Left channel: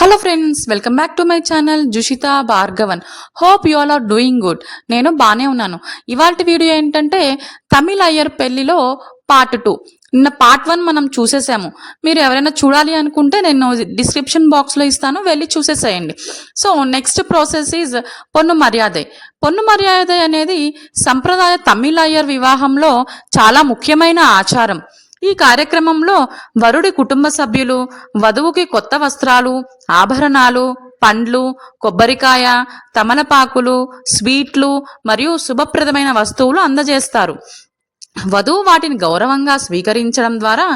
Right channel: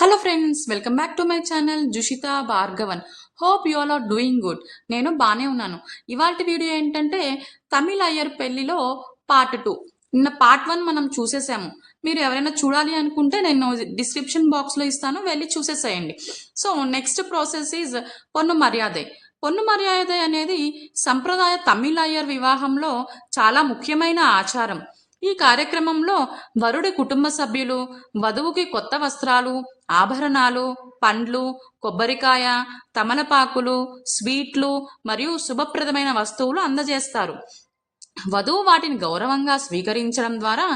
Hello friends, welcome back to my channel Jushitha Bhargavan. Hope you all are doing good. నేను బాగానే ఉన్నాను. ఇవాల్టి video ఏంటంటే తమిళ అయ్యర్ పెళ్లిలో పార్ట్ 2. నిన్న పార్ట్ 1 మనం చూసేసాము. మీరు ఎవరైనా చూడాలి అనుకుంటే నేను డిస్క్రిప్షన్ బాక్స్లో ఇస్తాను, వెళ్ళి చూసేసేయండి. So next process is Ponnu Maryadai. Ponnu Maryadai అనేది సంప్రదాయ తమిళ అయ్యర్ వివాహంలో చాలా ముఖ్యమైన ఆచారం. ఈ కార్యక్రమంలో వరుడి కుటుంబ సభ్యులు వధువుకి కొత్త వస్త్రాలు, ఆభరణాలు, పండ్లు, కొబ్బరికాయ, తమలపాకులు, స్వీట్లు మరియు శుభప్రదమైన వస్తువులు అందజేస్తారు. వధువు వాటిని గౌరవంగా స్వీకరించడం ద్వారా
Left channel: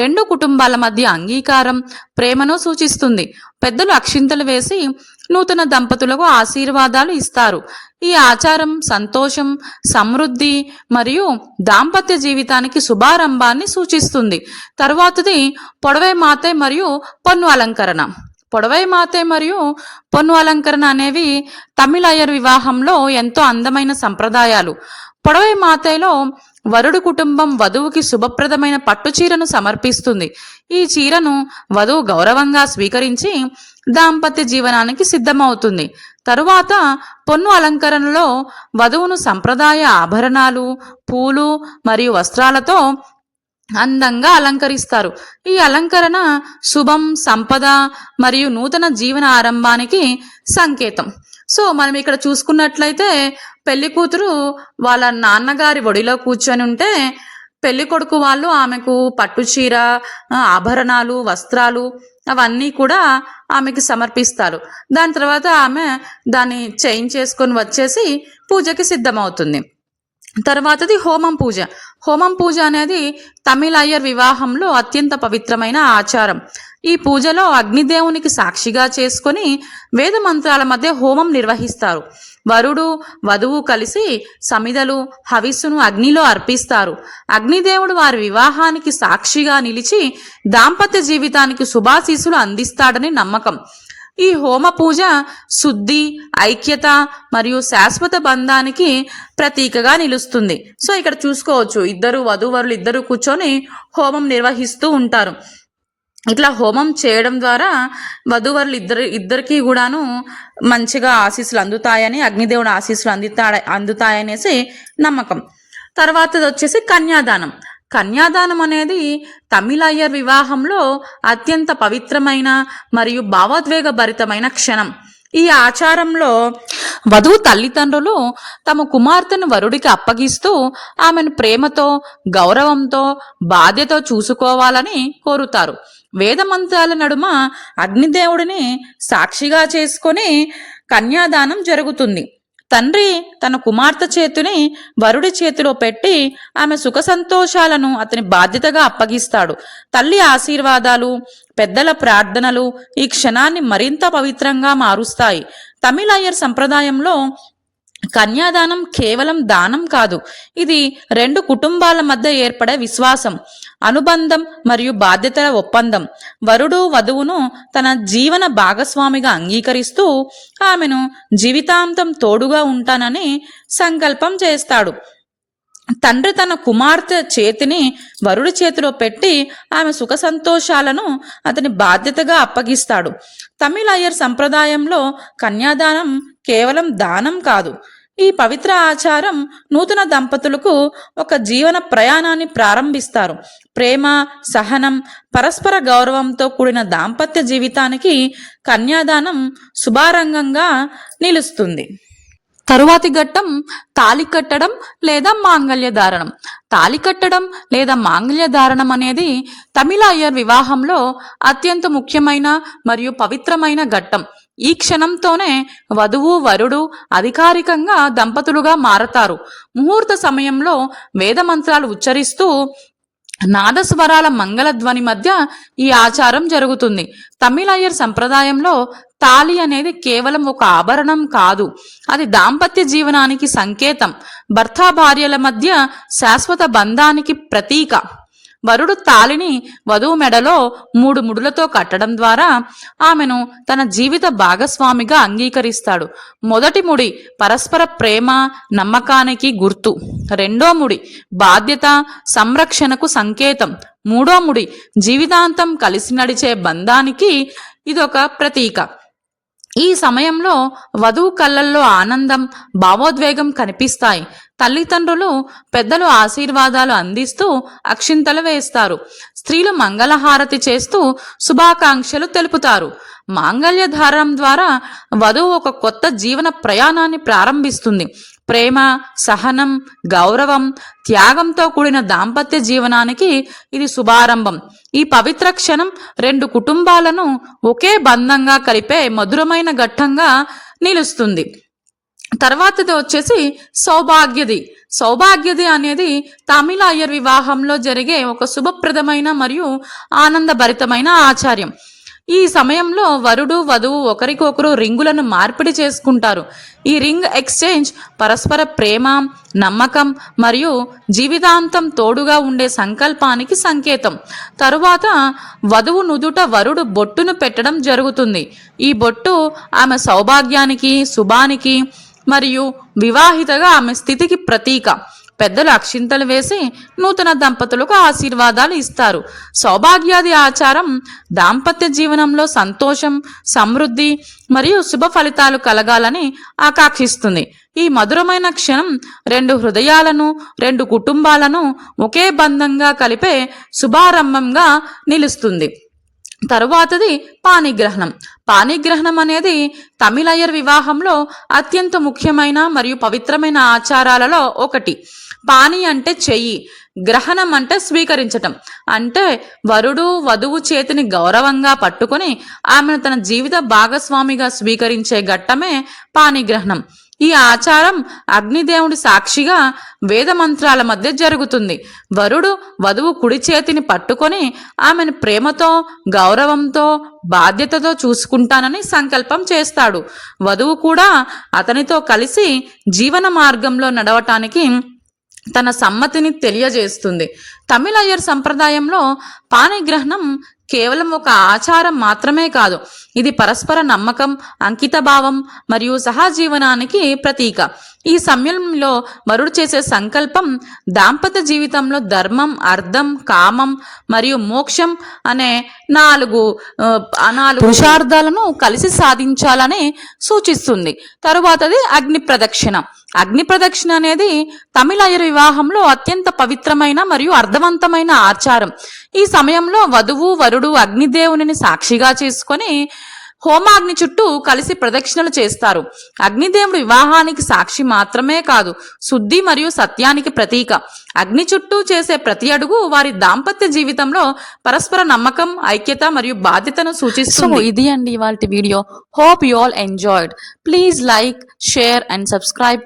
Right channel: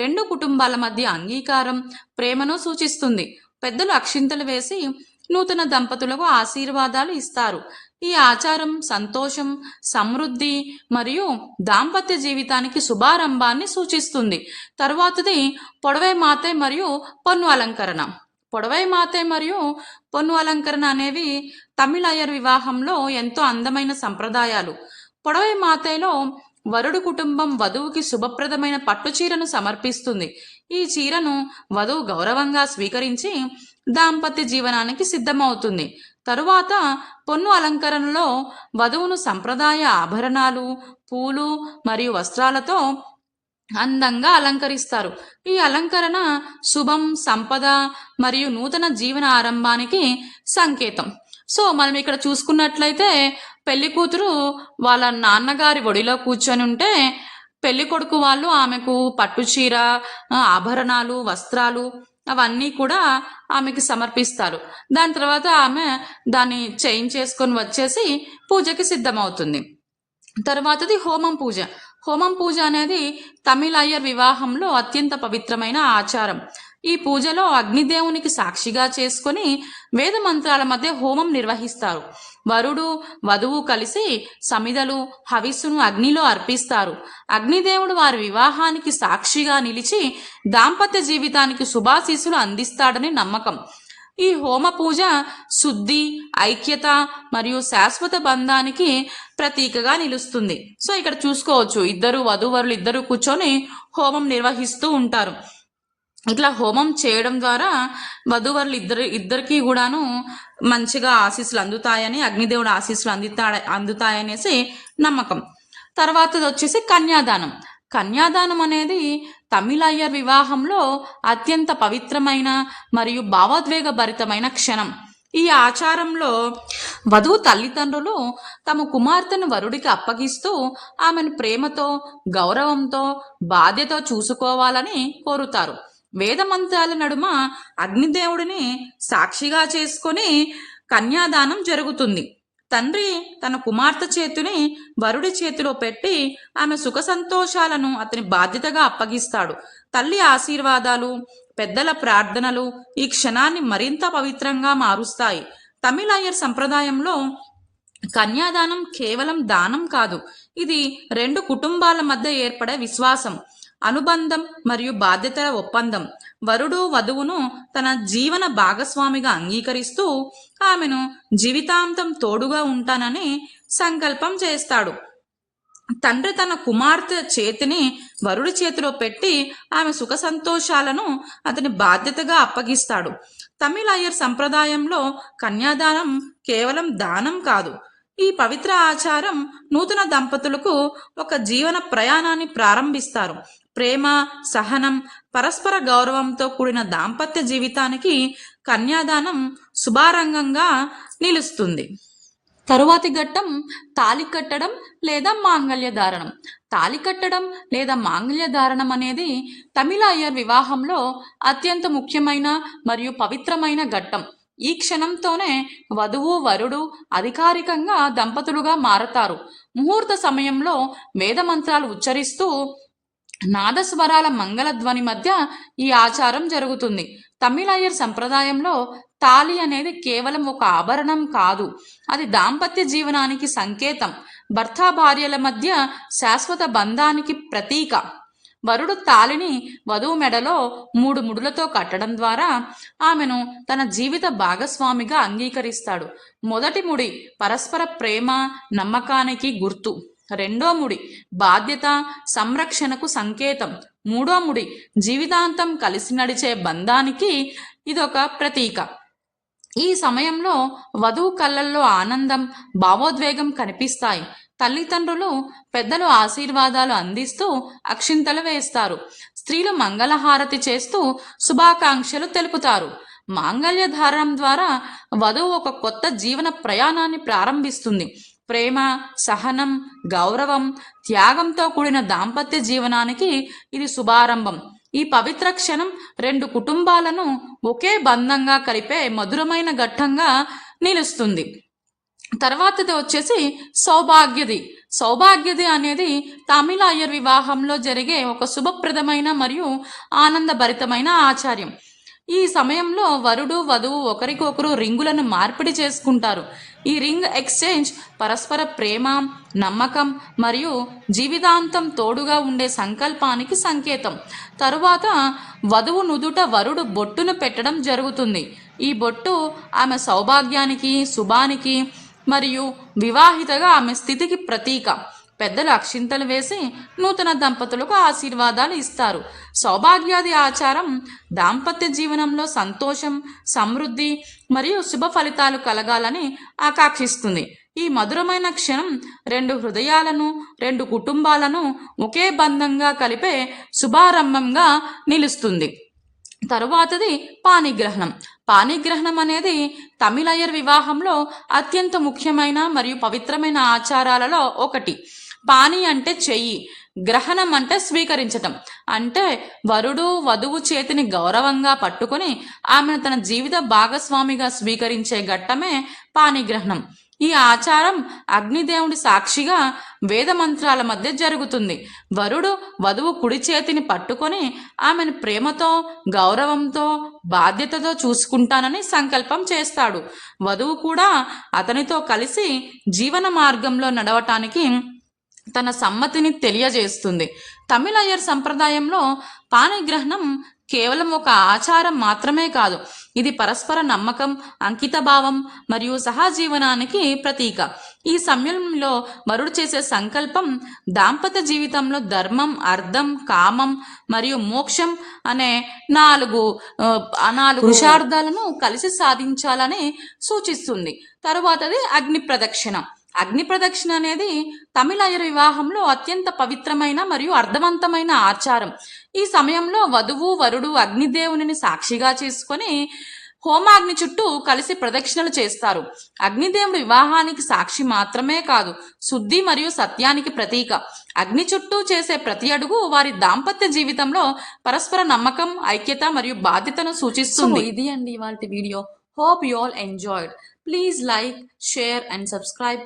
రెండు కుటుంబాల మధ్య అంగీకారం, ప్రేమను సూచిస్తుంది. పెద్దలు అక్షింతలు వేసి నూతన దంపతులకు ఆశీర్వాదాలు ఇస్తారు. ఈ ఆచారం సంతోషం, సమృద్ధి మరియు దాంపత్య జీవితానికి శుభారంభాన్ని సూచిస్తుంది. తరువాతది పొడవై మాతే మరియు పొన్ను అలంకరణ. పొడవై మాతే మరియు పొన్ను అలంకరణ అనేవి తమిళ అయ్యర్ వివాహంలో ఎంతో అందమైన సంప్రదాయాలు. పొడవై మాతేలో వరుడు కుటుంబం వధువుకి శుభప్రదమైన పట్టు చీరను సమర్పిస్తుంది. ఈ చీరను వధువు గౌరవంగా స్వీకరించి దాంపత్య జీవనానికి సిద్ధమవుతుంది. తరువాత పొన్ను అలంకరణలో వధువును సంప్రదాయ ఆభరణాలు, పూలు మరియు వస్త్రాలతో అందంగా అలంకరిస్తారు. ఈ అలంకరణ శుభం, సంపద మరియు నూతన జీవన ఆరంభానికి సంకేతం. సో మనం ఇక్కడ చూసుకున్నట్లయితే పెళ్లి కూతురు వాళ్ళ నాన్నగారి ఒడిలో కూర్చొని ఉంటే పెళ్లి కొడుకు వాళ్ళు ఆమెకు పట్టు చీర, ఆభరణాలు, వస్త్రాలు అవన్నీ కూడా ఆమెకి సమర్పిస్తారు. దాని తర్వాత ఆమె దాన్ని చేంజ్ చేసుకొని వచ్చేసి పూజకి సిద్ధమవుతుంది. తర్వాతది హోమం పూజ. హోమం పూజ అనేది తమిళ అయ్యర్ వివాహంలో అత్యంత పవిత్రమైన ఆచారం. ఈ పూజలో అగ్నిదేవునికి సాక్షిగా చేసుకొని వేద మంత్రాల మధ్య హోమం నిర్వహిస్తారు. వరుడు వధువు కలిసి సమిదలు, హవిస్సును అగ్నిలో అర్పిస్తారు. అగ్నిదేవుడు వారి వివాహానికి సాక్షిగా నిలిచి దాంపత్య జీవితానికి శుభాశీస్సులు అందిస్తాడని నమ్మకం. ఈ హోమ పూజ శుద్ధి, ఐక్యత మరియు శాశ్వత బంధానికి ప్రతీకగా నిలుస్తుంది. సో ఇక్కడ చూసుకోవచ్చు, వధూవరులు ఇద్దరు కూర్చొని హోమం నిర్వహిస్తూ ఉంటారు. ఇట్లా హోమం చేయడం ద్వారా వధూవరులు ఇద్దరికి కూడాను మంచిగా ఆశీస్సులు అందుతాయని, అగ్నిదేవుడు ఆశీస్సులు అందుతాయనేసి నమ్మకం. తర్వాతది వచ్చేసి కన్యాదానం. కన్యాదానం అనేది తమిళ అయ్యర్ వివాహంలో అత్యంత పవిత్రమైన మరియు భావోద్వేగభరితమైన క్షణం. ఈ ఆచారంలో వధువు తల్లిదండ్రులు తమ కుమార్తెను వరుడికి అప్పగిస్తూ ఆమెను ప్రేమతో, గౌరవంతో, బాధ్యతో చూసుకోవాలని కోరుతారు. వేదమంత్రాల నడుమ అగ్నిదేవుడిని సాక్షిగా చేసుకొని కన్యాదానం జరుగుతుంది. తండ్రి తన కుమార్తె చేతిని వరుడి చేతిలో పెట్టి ఆమె సుఖ సంతోషాలను అతని బాధ్యతగా అప్పగిస్తాడు. తల్లి ఆశీర్వాదాలు, పెద్దల ప్రార్థనలు ఈ క్షణాన్ని మరింత పవిత్రంగా మారుస్తాయి. తమిళ అయ్యర్ సంప్రదాయంలో కన్యాదానం కేవలం దానం కాదు, ఇది రెండు కుటుంబాల మధ్య ఏర్పడే విశ్వాసం, అనుబంధం మరియు బాధ్యతల ఒప్పందం. వరుడు వధువును తన జీవన భాగస్వామిగా అంగీకరిస్తూ ఆమెను జీవితాంతం తోడుగా ఉంటానని సంకల్పం చేస్తాడు. తండ్రి తన కుమార్తె చేతిని వరుడి చేతిలో పెట్టి ఆమె సుఖ సంతోషాలను అతని బాధ్యతగా అప్పగిస్తాడు. తమిళ అయ్యర్ సంప్రదాయంలో కన్యాదానం కేవలం దానం కాదు, ఈ పవిత్ర ఆచారం నూతన దంపతులకు ఒక జీవన ప్రయాణాన్ని ప్రారంభిస్తారు. ప్రేమ, సహనం, పరస్పర గౌరవంతో కూడిన దాంపత్య జీవితానికి కన్యాదానం శుభారంగంగా నిలుస్తుంది. తరువాతి ఘట్టం తాళి కట్టడం లేదా మాంగళ్య ధారణం. తాళి కట్టడం లేదా మాంగళ్య ధారణం అనేది తమిళ అయ్యర్ వివాహంలో అత్యంత ముఖ్యమైన మరియు పవిత్రమైన ఘట్టం. ఈ క్షణంతోనే వధువు వరుడు అధికారికంగా దంపతులుగా మారతారు. ముహూర్త సమయంలో వేద మంత్రాలు ఉచ్చరిస్తూ నాదస్వరాల మంగళధ్వని మధ్య ఈ ఆచారం జరుగుతుంది. తమిళ అయ్యర్ సంప్రదాయంలో తాళి అనేది కేవలం ఒక ఆభరణం కాదు, అది దాంపత్య జీవనానికి సంకేతం, భర్త భార్యల మధ్య శాశ్వత బంధానికి ప్రతీక. వరుడు తాళిని వధువు మెడలో 3 ముడులతో కట్టడం ద్వారా ఆమెను తన జీవిత భాగస్వామిగా అంగీకరిస్తాడు. మొదటి ముడి పరస్పర ప్రేమ, నమ్మకానికి గుర్తు. రెండో ముడి బాధ్యత, సంరక్షణకు సంకేతం. మూడో ముడి జీవితాంతం కలిసి నడిచే బంధానికి ఇదొక ప్రతీక. ఈ సమయంలో వధువు కళ్ళల్లో ఆనందం, భావోద్వేగం కనిపిస్తాయి. తల్లిదండ్రులు, పెద్దలు ఆశీర్వాదాలు అందిస్తూ అక్షింతలు వేస్తారు. స్త్రీలు మంగళహారతి చేస్తూ శుభాకాంక్షలు తెలుపుతారు. మాంగళ్య ధారణం ద్వారా వధువు ఒక కొత్త జీవన ప్రయాణాన్ని ప్రారంభిస్తుంది. ప్రేమ, సహనం, గౌరవం, త్యాగంతో కూడిన దాంపత్య జీవనానికి ఇది శుభారంభం. ఈ పవిత్ర క్షణం రెండు కుటుంబాలను ఒకే బంధంగా కలిపే మధురమైన ఘట్టంగా నిలుస్తుంది. తర్వాతది వచ్చేసి సౌభాగ్యది. సౌభాగ్యది అనేది తమిళ అయ్యర్ వివాహంలో జరిగే ఒక శుభప్రదమైన మరియు ఆనందభరితమైన ఆచార్యం. ఈ సమయంలో వరుడు, వధువు ఒకరికొకరు రింగులను మార్పిడి చేసుకుంటారు. ఈ రింగ్ ఎక్స్చేంజ్ పరస్పర ప్రేమ, నమ్మకం మరియు జీవితాంతం తోడుగా ఉండే సంకల్పానికి సంకేతం. తరువాత వధువు నుదుట వరుడు బొట్టును పెట్టడం జరుగుతుంది. ఈ బొట్టు ఆమె సౌభాగ్యానికి, శుభానికి మరియు వివాహితగా ఆమె స్థితికి ప్రతీక. పెద్దలు అక్షింతలు వేసి నూతన దంపతులకు ఆశీర్వాదాలు ఇస్తారు. సౌభాగ్యాది ఆచారం దాంపత్య జీవనంలో సంతోషం, సమృద్ధి మరియు శుభ ఫలితాలు కలగాలని ఆకాంక్షిస్తుంది. ఈ మధురమైన క్షణం రెండు హృదయాలను, రెండు కుటుంబాలను ఒకే బంధంగా కలిపే శుభారంభంగా నిలుస్తుంది. తరువాతది పాణిగ్రహణం. పాణిగ్రహణం అనేది తమిళ అయ్యర్ వివాహంలో అత్యంత ముఖ్యమైన మరియు పవిత్రమైన ఆచారాలలో ఒకటి. పాణి అంటే చెయ్యి, గ్రహణం అంటే స్వీకరించటం. అంటే వరుడు వధువు చేతిని గౌరవంగా పట్టుకొని ఆమెను తన జీవిత భాగస్వామిగా స్వీకరించే ఘట్టమే పాణిగ్రహణం. ఈ ఆచారం అగ్నిదేవుడి సాక్షిగా వేద మంత్రాల మధ్య జరుగుతుంది. వరుడు వధువు కుడి చేతిని పట్టుకొని ఆమెను ప్రేమతో, గౌరవంతో, బాధ్యతతో చూసుకుంటానని సంకల్పం చేస్తాడు. వధువు కూడా అతనితో కలిసి జీవన మార్గంలో నడవటానికి తన సమ్మతిని తెలియజేస్తుంది. తమిళ అయ్యర్ సంప్రదాయంలో పాణిగ్రహణం కేవలం ఒక ఆచారం మాత్రమే కాదు, ఇది పరస్పర నమ్మకం, అంకితభావం మరియు సహజీవనానికి ప్రతీక. ఈ సమయంలో వరుడు చేసే సంకల్పం దాంపత్య జీవితంలో ధర్మం, అర్థం, కామం మరియు మోక్షం అనే నాలుగు పురుషార్థాలను కలిసి సాధించాలని సూచిస్తుంది. తరువాతది అగ్ని ప్రదక్షిణ. అగ్ని ప్రదక్షిణ అనేది తమిళ అయ్యర్ వివాహంలో అత్యంత పవిత్రమైన మరియు అర్థవంతమైన ఆచారం. ఈ సమయంలో వధువు, వరుడు అగ్నిదేవుని సాక్షిగా చేసుకొని హోమాగ్ని చుట్టూ కలిసి ప్రదక్షిణలు చేస్తారు. అగ్నిదేవుడు వివాహానికి సాక్షి మాత్రమే కాదు, శుద్ధి మరియు సత్యానికి ప్రతీక. అగ్ని చుట్టూ చేసే ప్రతి అడుగు వారి దాంపత్య జీవితంలో పరస్పర నమ్మకం, ఐక్యత మరియు బాధ్యతను సూచిస్తుంది. ఇది అండి ఇవాల్టి video. Hope you all enjoyed. Please like, share and subscribe.